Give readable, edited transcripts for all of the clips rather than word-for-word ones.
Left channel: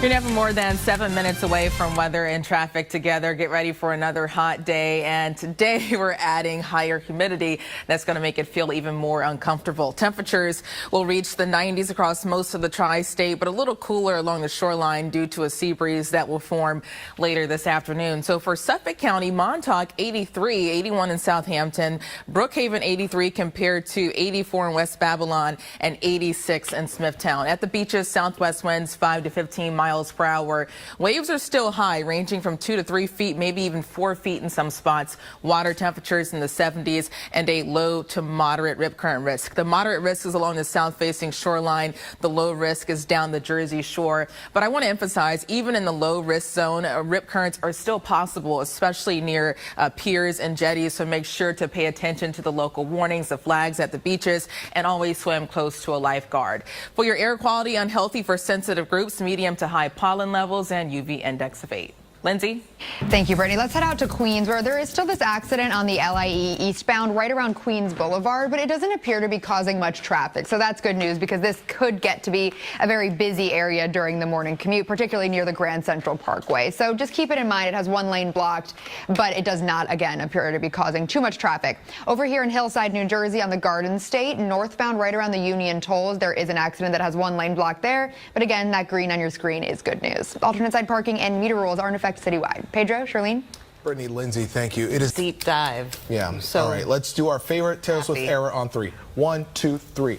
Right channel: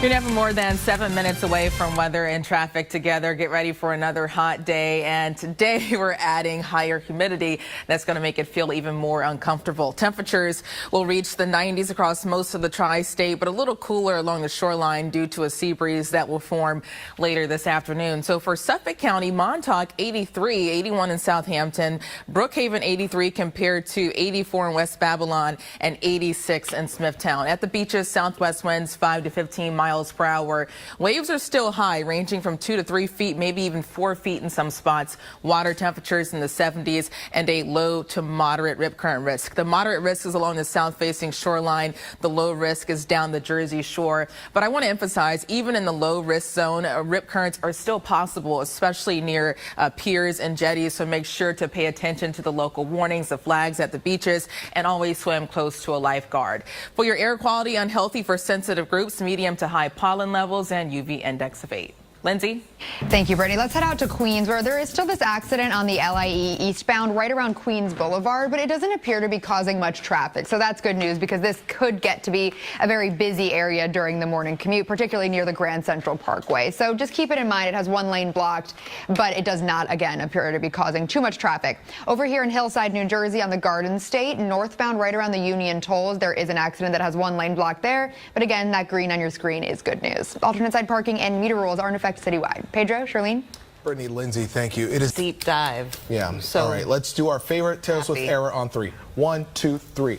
You're never more than 7 minutes away from weather and traffic together. Get ready for another hot day. And today we're adding higher humidity. That's going to make it feel even more uncomfortable. Temperatures will reach the 90s across most of the tri-state, but a little cooler along the shoreline due to a sea breeze that will form later this afternoon. So for Suffolk County, Montauk 83, 81 in Southampton, Brookhaven 83 compared to 84 in West Babylon and 86 in Smithtown. At the beaches, southwest winds 5 to 15 miles per hour. Waves are still high, ranging from 2 to 3 feet, maybe even 4 feet in some spots. Water temperatures in the 70s and a low to moderate rip current risk. The moderate risk is along the south-facing shoreline. The low risk is down the Jersey shore. But I want to emphasize, even in the low risk zone, rip currents are still possible, especially near piers and jetties. So make sure to pay attention to the local warnings, the flags at the beaches, and always swim close to a lifeguard. For your air quality, unhealthy for sensitive groups, medium to high pollen levels and UV index of 8. Lindsay? Thank you, Brittany. Let's head out to Queens, where there is still this accident on the LIE eastbound right around Queens Boulevard, but it doesn't appear to be causing much traffic. So that's good news, because this could get to be a very busy area during the morning commute, particularly near the Grand Central Parkway. So just keep it in mind. It has one lane blocked, but it does not, again, appear to be causing too much traffic. Over here in Hillside, New Jersey, on the Garden State, northbound right around the Union Tolls, there is an accident that has one lane blocked there. But again, that green on your screen is good news. Alternate side parking and meter rules are in effect citywide. Pedro, Charlene? Brittany, Lindsay, thank you. It is deep dive. Yeah. So all right, let's do our favorite Taylor Swift era on 3. 1, 2, 3.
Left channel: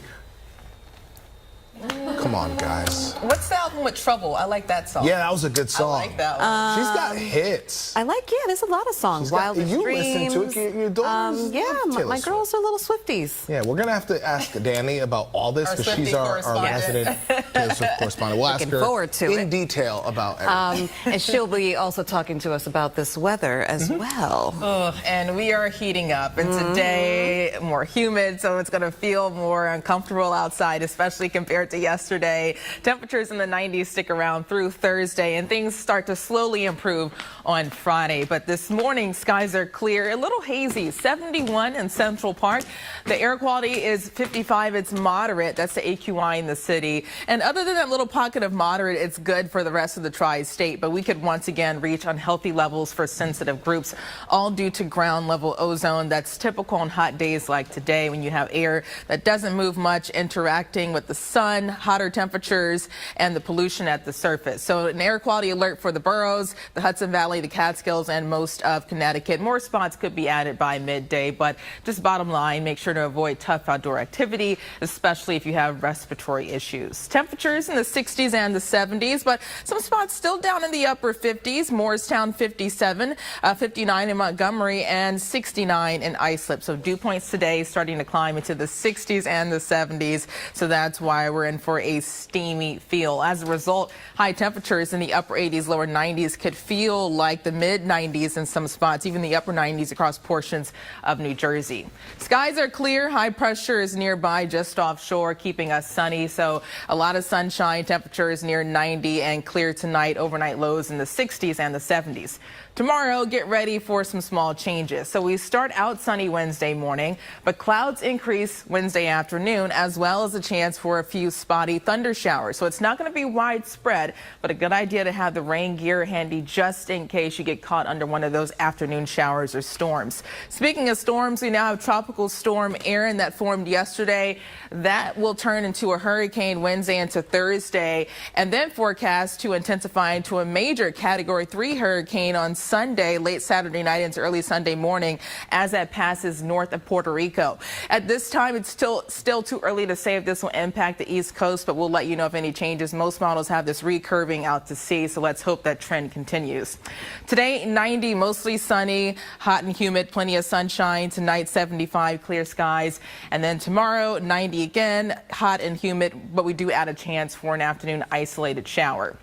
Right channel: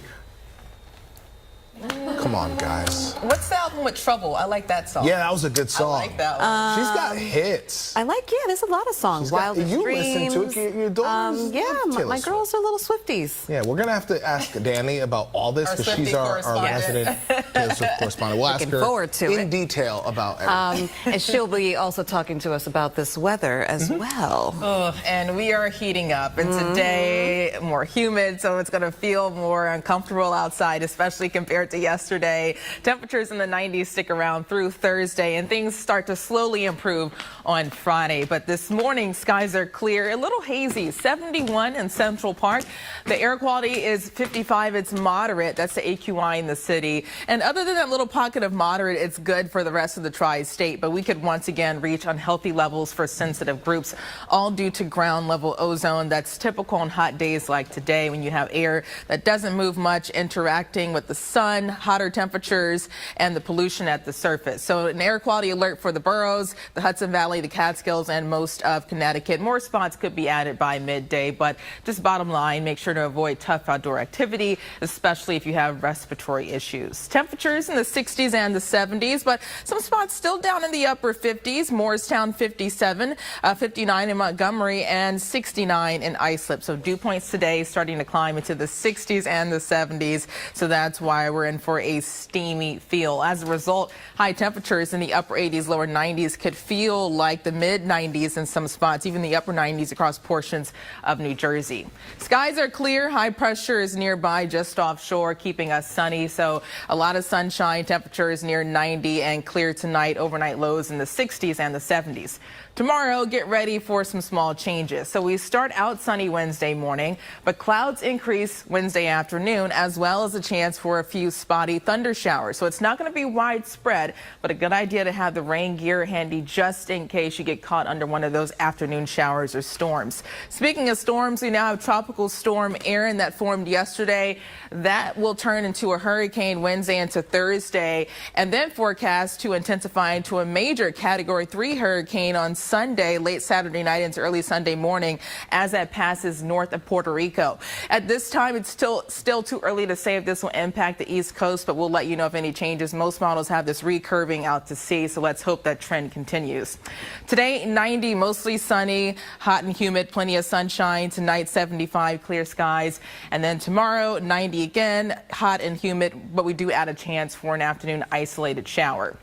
Come on, guys. What's the album with Trouble? I like that song. Yeah, that was a good song. I like that one. She's got hits. I like, there's a lot of songs. Wild you Dreams. listen to it. You don't My girls are little Swifties. Yeah, we're going to have to ask Danny about all this, because she's our resident Taylor Swift correspondent. We'll ask her in detail about everything. And she'll be also talking to us about this weather as well. And we are heating up. And today, more humid, so it's going to feel more uncomfortable outside, especially compared to yesterday. Temperatures in the 90s stick around through Thursday, and things start to slowly improve on Friday. But this morning, skies are clear, a little hazy, 71 in Central Park. The air quality is 55. It's moderate. That's the AQI in the city. And other than that little pocket of moderate, it's good for the rest of the tri-state. But we could once again reach unhealthy levels for sensitive groups, all due to ground level ozone. That's typical on hot days like today, when you have air that doesn't move much, interacting with the sun, hotter temperatures, and the pollution at the surface. So an air quality alert for the boroughs, the Hudson Valley, the Catskills, and most of Connecticut. More spots could be added by midday, but just bottom line, make sure to avoid tough outdoor activity, especially if you have respiratory issues. Temperatures in the 60s and the 70s, but some spots still down in the upper 50s. Morristown 57, 59 in Montgomery, and 69 in Islip. So dew points today starting to climb into the 60s and the 70s. So that's why we're in for a steamy feel. As a result, high temperatures in the upper 80s, lower 90s could feel like the mid 90s in some spots, even the upper 90s across portions of New Jersey. Skies are clear. High pressure is nearby, just offshore, keeping us sunny. So a lot of sunshine. Temperatures near 90 and clear tonight. Overnight lows in the 60s and the 70s. Tomorrow, get ready for some small changes. So we start out sunny Wednesday morning, but clouds increase Wednesday afternoon, as well as a chance for a few spotty thunder showers. So it's not going to be widespread, but a good idea to have the rain gear handy just in case you get caught under one of those afternoon showers or storms. Speaking of storms, we now have Tropical Storm Erin that formed yesterday. That will turn into a hurricane Wednesday into Thursday, and then forecast to intensify into a major Category 3 hurricane on Sunday, late Saturday night into early Sunday morning, as that passes north of Puerto Rico. At this time, it's still too early to say if this will impact the East Coast, but we'll let you know if any changes. Most models have this recurving out to sea, so let's hope that trend continues. Today, 90, mostly sunny, hot and humid, plenty of sunshine. Tonight, 75, clear skies. And then tomorrow, 90 again, hot and humid, but we do add a chance for an afternoon isolated shower.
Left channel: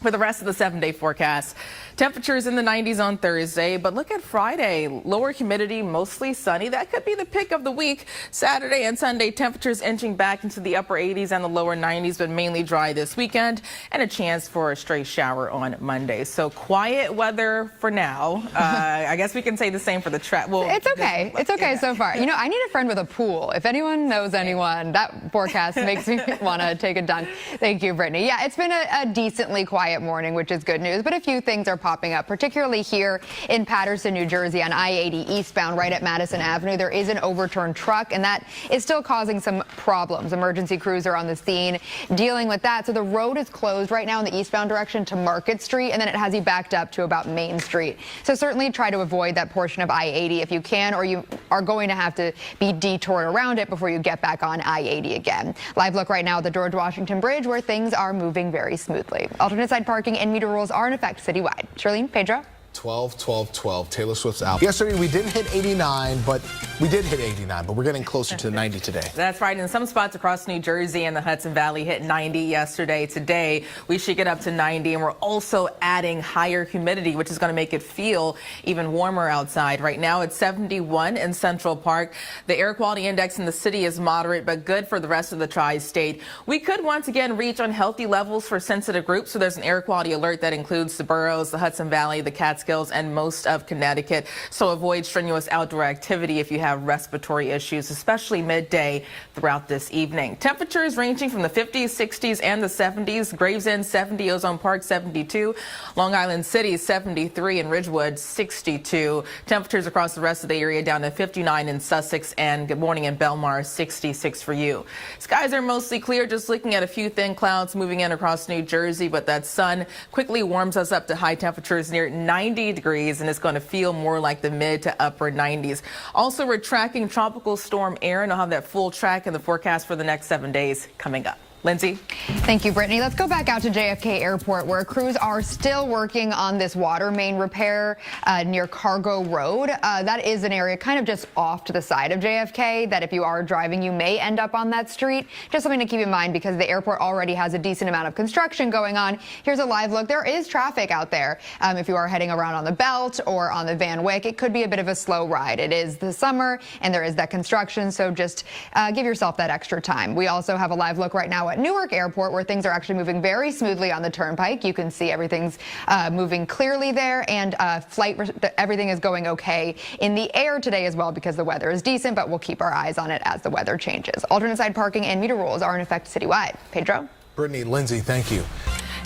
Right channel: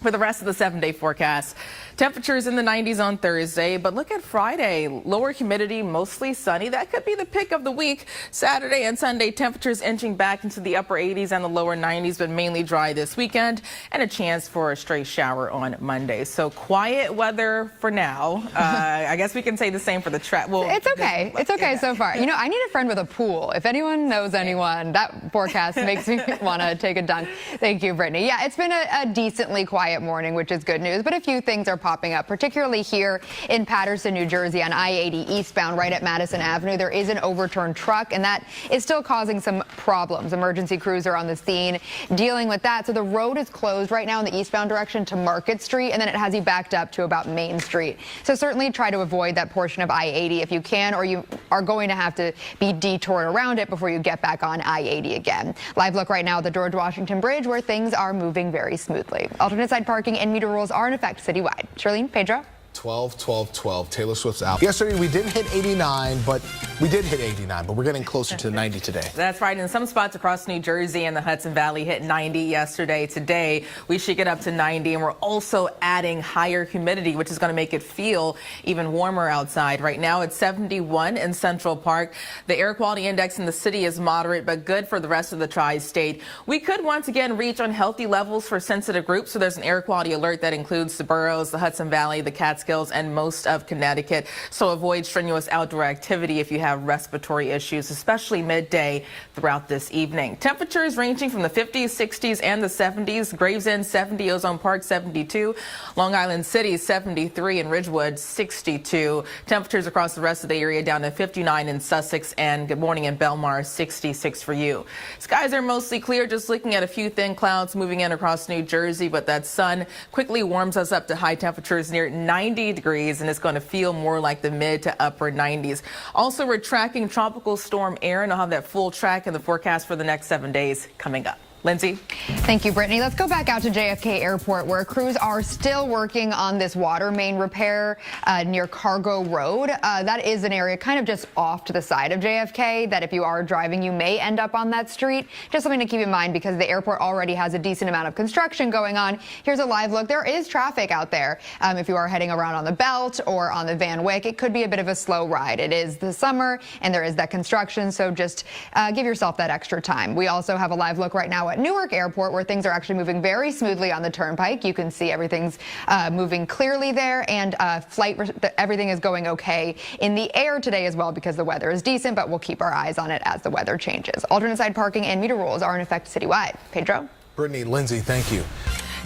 For the rest of the 7-day forecast, temperatures in the 90s on Thursday, but look at Friday. Lower humidity, mostly sunny. That could be the pick of the week. Saturday and Sunday, temperatures inching back into the upper 80s and the lower 90s, but mainly dry this weekend, and a chance for a stray shower on Monday. So quiet weather for now. I guess we can say the same for the track. Well, it's okay. It's okay so far. You know, I need a friend with a pool. If anyone knows anyone, that forecast makes me want to take a dunk. Thank you, Brittany. Yeah, it's been a decently quiet quiet morning, which is good news. But a few things are popping up, particularly here in Paterson, New Jersey on I-80 eastbound right at Madison Avenue. There is an overturned truck, and that is still causing some problems. Emergency crews are on the scene dealing with that. So the road is closed right now in the eastbound direction to Market Street, and then it has you backed up to about Main Street. So certainly try to avoid that portion of I-80 if you can, or you are going to have to be detoured around it before you get back on I-80 again. Live look right now at the George Washington Bridge, where things are moving very smoothly. Alternate side parking and meter rules are in effect citywide. Charlene, Pedro? 12, 12, 12. Taylor Swift's out. Yesterday we didn't hit 89, but we did hit 89, but we're getting closer to 90 today. That's right. In some spots across New Jersey and the Hudson Valley hit 90 yesterday. Today we should get up to 90, and we're also adding higher humidity, which is going to make it feel even warmer outside. Right now it's 71 in Central Park. The air quality index in the city is moderate, but good for the rest of the tri-state. We could once again reach unhealthy levels for sensitive groups, so there's an air quality alert that includes the boroughs, the Hudson Valley, the Catskills, and most of Connecticut. So avoid strenuous outdoor activity if you have respiratory issues, especially midday throughout this evening. Temperatures ranging from the 50s, 60s, and the 70s. Gravesend 70, Ozone Park 72, Long Island City 73, and Ridgewood 62. Temperatures across the rest of the area down to 59 in Sussex, and good morning in Belmar 66 for you. Skies are mostly clear, just looking at a few thin clouds moving in across New Jersey, but that sun quickly warms us up to high temperatures near 90 degrees, and it's going to feel more like the mid to upper 90s. Also, we're tracking tropical storm Erin. I'll have that full track in the forecast for the next 7 days coming up. Lindsay? Thank you, Brittany. Let's go back out to JFK Airport, where crews are still working on this water main repair near Cargo Road. That is an area kind of just off to the side of JFK that if you are driving, you may end up on that street. Just something to keep in mind because the airport already has a decent amount of construction going on. Here's a live look. There is traffic out there. If you are heading around on the Belt or on the Van Wyck, it could be a bit of a slow ride. It is the summer and there is that construction, so just give yourself that extra time. We also have a live look right now at Newark Airport, where things are actually moving very smoothly on the turnpike. You can see everything's moving clearly there, and everything is going okay in the air today as well because the weather is decent, but we'll keep our eyes on it as the weather changes. Alternate side parking and meter rules are in effect citywide. Pedro? Brittany, Lindsay, thank you.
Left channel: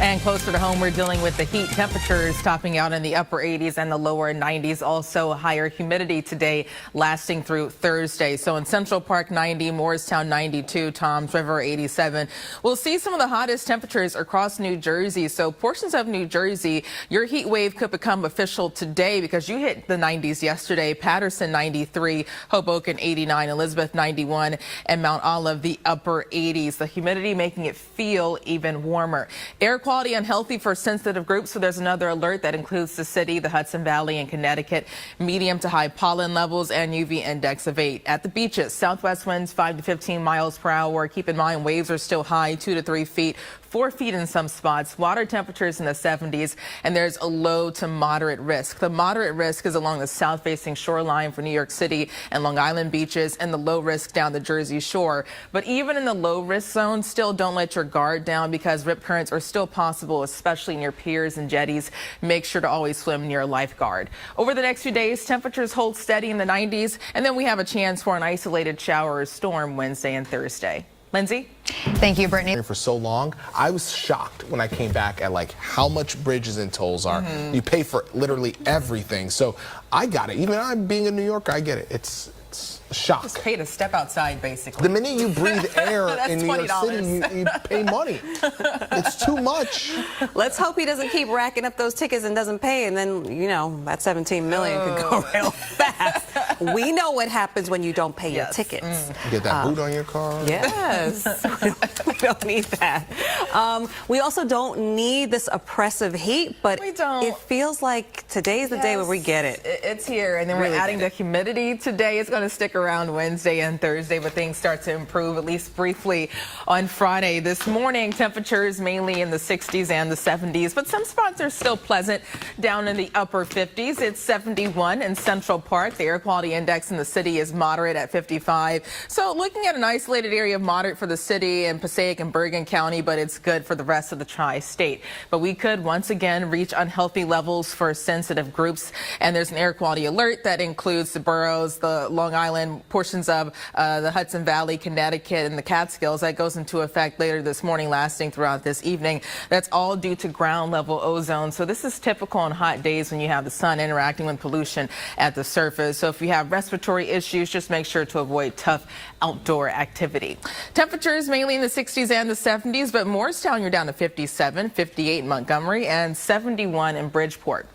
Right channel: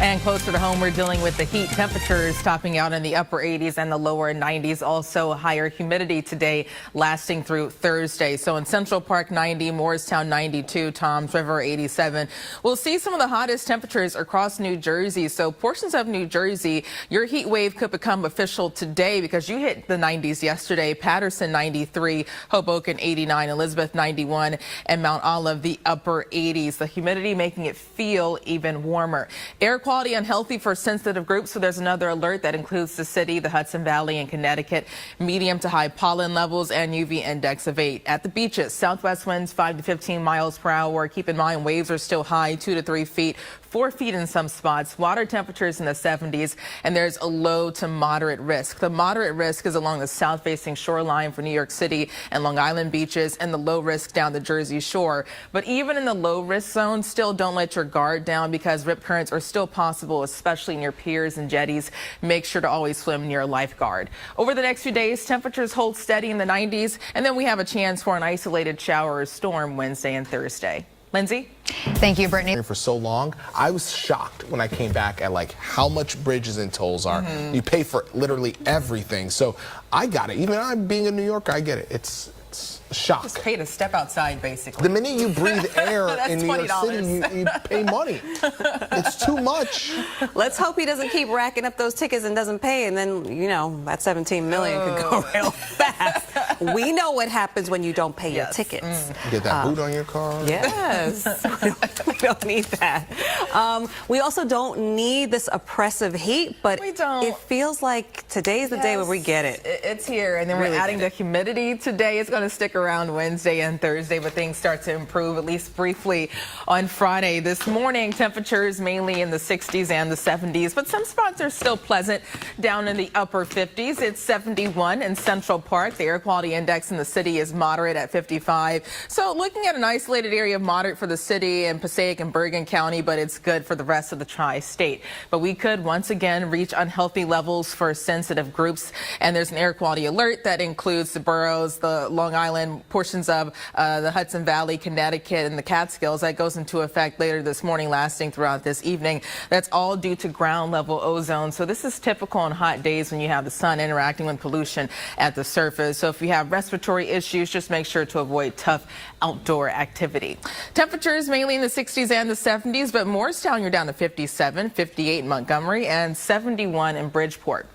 And closer to home, we're dealing with the heat. Temperatures topping out in the upper 80s and the lower 90s. Also higher humidity today lasting through Thursday. So in Central Park 90, Morristown 92, Toms River 87. We'll see some of the hottest temperatures across New Jersey. So portions of New Jersey, your heat wave could become official today because you hit the 90s yesterday. Paterson 93, Hoboken 89, Elizabeth 91, and Mount Olive the upper 80s. The humidity making it feel even warmer. Air quality unhealthy for sensitive groups, so there's another alert that includes the city, the Hudson Valley, and Connecticut. Medium to high pollen levels and UV index of 8. At the beaches, southwest winds 5 to 15 miles per hour. Keep in mind waves are still high, 2 to 3 feet. 4 feet in some spots, water temperatures in the 70s, and there's a low to moderate risk. The moderate risk is along the south-facing shoreline for New York City and Long Island beaches, and the low risk down the Jersey Shore. But even in the low risk zone, still don't let your guard down because rip currents are still possible, especially near piers and jetties. Make sure to always swim near a lifeguard. Over the next few days, temperatures hold steady in the 90s, and then we have a chance for an isolated shower or storm Wednesday and Thursday. Lindsay? Thank you, Brittany. For so long, I was shocked when I came back at like how much bridges and tolls are. You pay for literally everything. So I got it. Even though I'm being a New Yorker, I get it. It's a shock. Just pay to step outside, basically. The minute you breathe air in New York City, you pay money. It's too much. Let's hope he doesn't keep racking up those tickets and doesn't pay, and then, you know, that $17 million could go real fast. We know what happens when you don't pay your tickets. Get that boot on your car. Yes. We don't need that. We also don't need this oppressive heat, but we don't. It feels like today's the day when we get it. It's here, and then we're adding the humidity today. It's going to stick around Wednesday and Thursday, but things start to improve, at least briefly, on Friday. This morning, temperatures mainly in the 60s and the 70s, but some spots are still pleasant down in the upper 50s. It's 71 in Central Park. The air quality index in the city is moderate at 55. So looking at an isolated area of moderate for the city and Passaic and Bergen County, but it's good for the rest of the tri-state. But we could once again reach unhealthy levels for sensitive groups, and there's an air quality alert that includes the boroughs, the Long Island, on portions of the Hudson Valley, Connecticut, and the Catskills. That goes into effect later this morning, lasting throughout this evening. That's all due to ground level ozone. So this is typical on hot days when you have the sun interacting with pollution at the surface. So if you have respiratory issues, just make sure to avoid tough outdoor activity. Temperatures mainly in the 60s and the 70s, but Morristown, you're down to 57, 58 in Montgomery, and 71 in Bridgeport.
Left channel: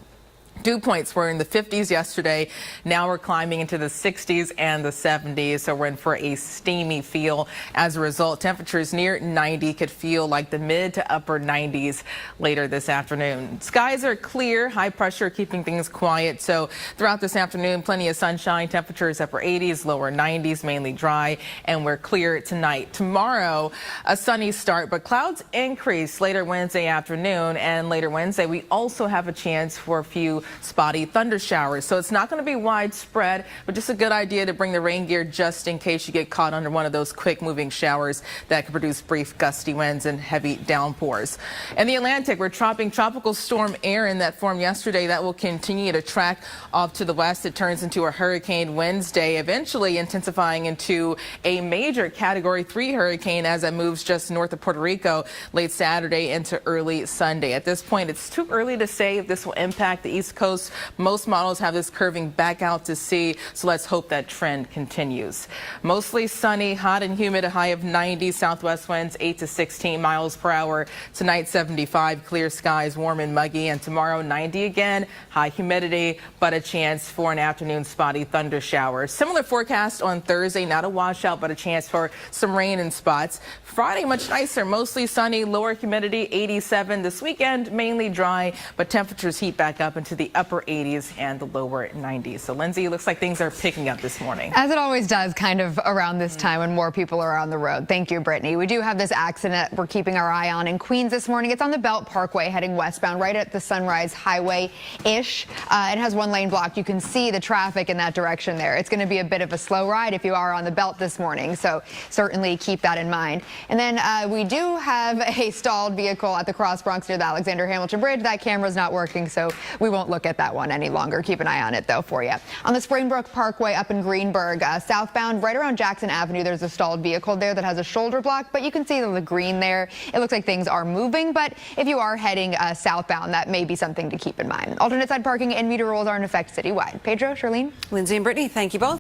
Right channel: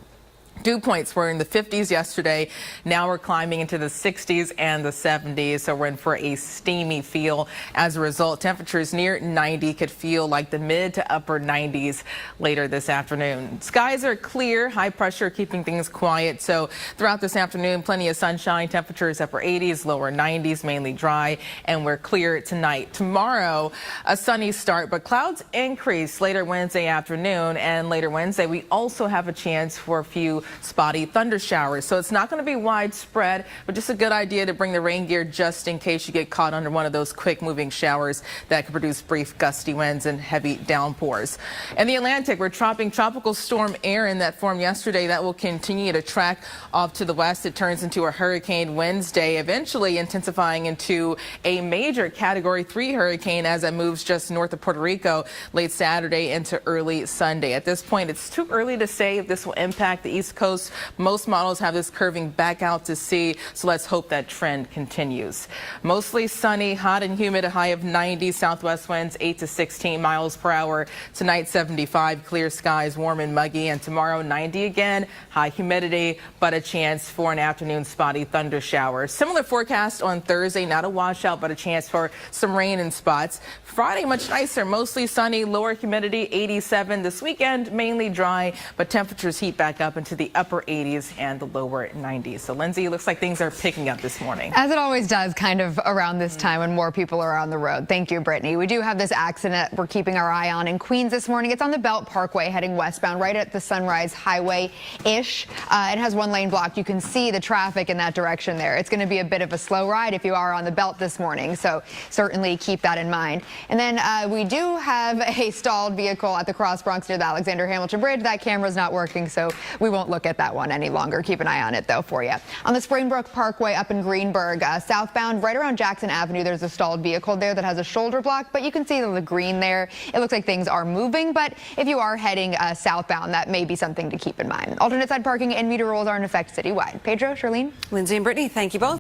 Dew points were in the 50s yesterday. Now we're climbing into the 60s and the 70s, so we're in for a steamy feel. As a result, temperatures near 90 could feel like the mid to upper 90s later this afternoon. Skies are clear, high pressure keeping things quiet. So throughout this afternoon, plenty of sunshine, temperatures upper 80s, lower 90s, mainly dry, and we're clear tonight. Tomorrow, a sunny start, but clouds increase later Wednesday afternoon, and later Wednesday, we also have a chance for a few spotty thunder showers. So it's not going to be widespread, but just a good idea to bring the rain gear just in case you get caught under one of those quick moving showers that can produce brief gusty winds and heavy downpours. In the Atlantic, we're trapping tropical storm Erin that formed yesterday. That will continue to track off to the west. It turns into a hurricane Wednesday, eventually intensifying into a major Category 3 hurricane as it moves just north of Puerto Rico late Saturday into early Sunday. At this point, it's too early to say if this will impact the East Coast. Most models have this curving back out to sea, so let's hope that trend continues. Mostly sunny, hot and humid, a high of 90, southwest winds 8 to 16 miles per hour. Tonight 75, clear skies, warm and muggy, and tomorrow 90 again, high humidity, but a chance for an afternoon spotty thunder shower. Similar forecast on Thursday, not a washout, but a chance for some rain in spots. Friday, much nicer, mostly sunny, lower humidity, 87. This weekend, mainly dry, but temperatures heat back up into the upper 80s and the lower 90s. So, Lindsay, it looks like things are picking up this morning. As it always does, kind of around this time when more people are on the road. Thank you, Brittany. We do have this accident we're keeping our eye on in Queens this morning. It's on the Belt Parkway heading westbound, right at the Sunrise Highway-ish. It has one lane blocked. You can see the traffic in that direction there. It's going to be a bit of a slow ride if you are on the Belt this morning, so certainly keep that in mind. And then we do have a stalled vehicle at the Cross Bronx near the Alexander Hamilton Bridge. That camera's not working, so we won't look at that one any longer. Keep an eye on it, though, for you. On the Springbrook Parkway up in Greenburgh, southbound, right around Jackson Avenue, there's a stalled vehicle there that has a shoulder block, but you can see the green there. It looks like things are moving, but if you are heading southbound, that may be something to keep in mind. Alternate side parking and meter rules are in effect citywide. Pedro, Charlene? Lindsay and Brittany, thank you both.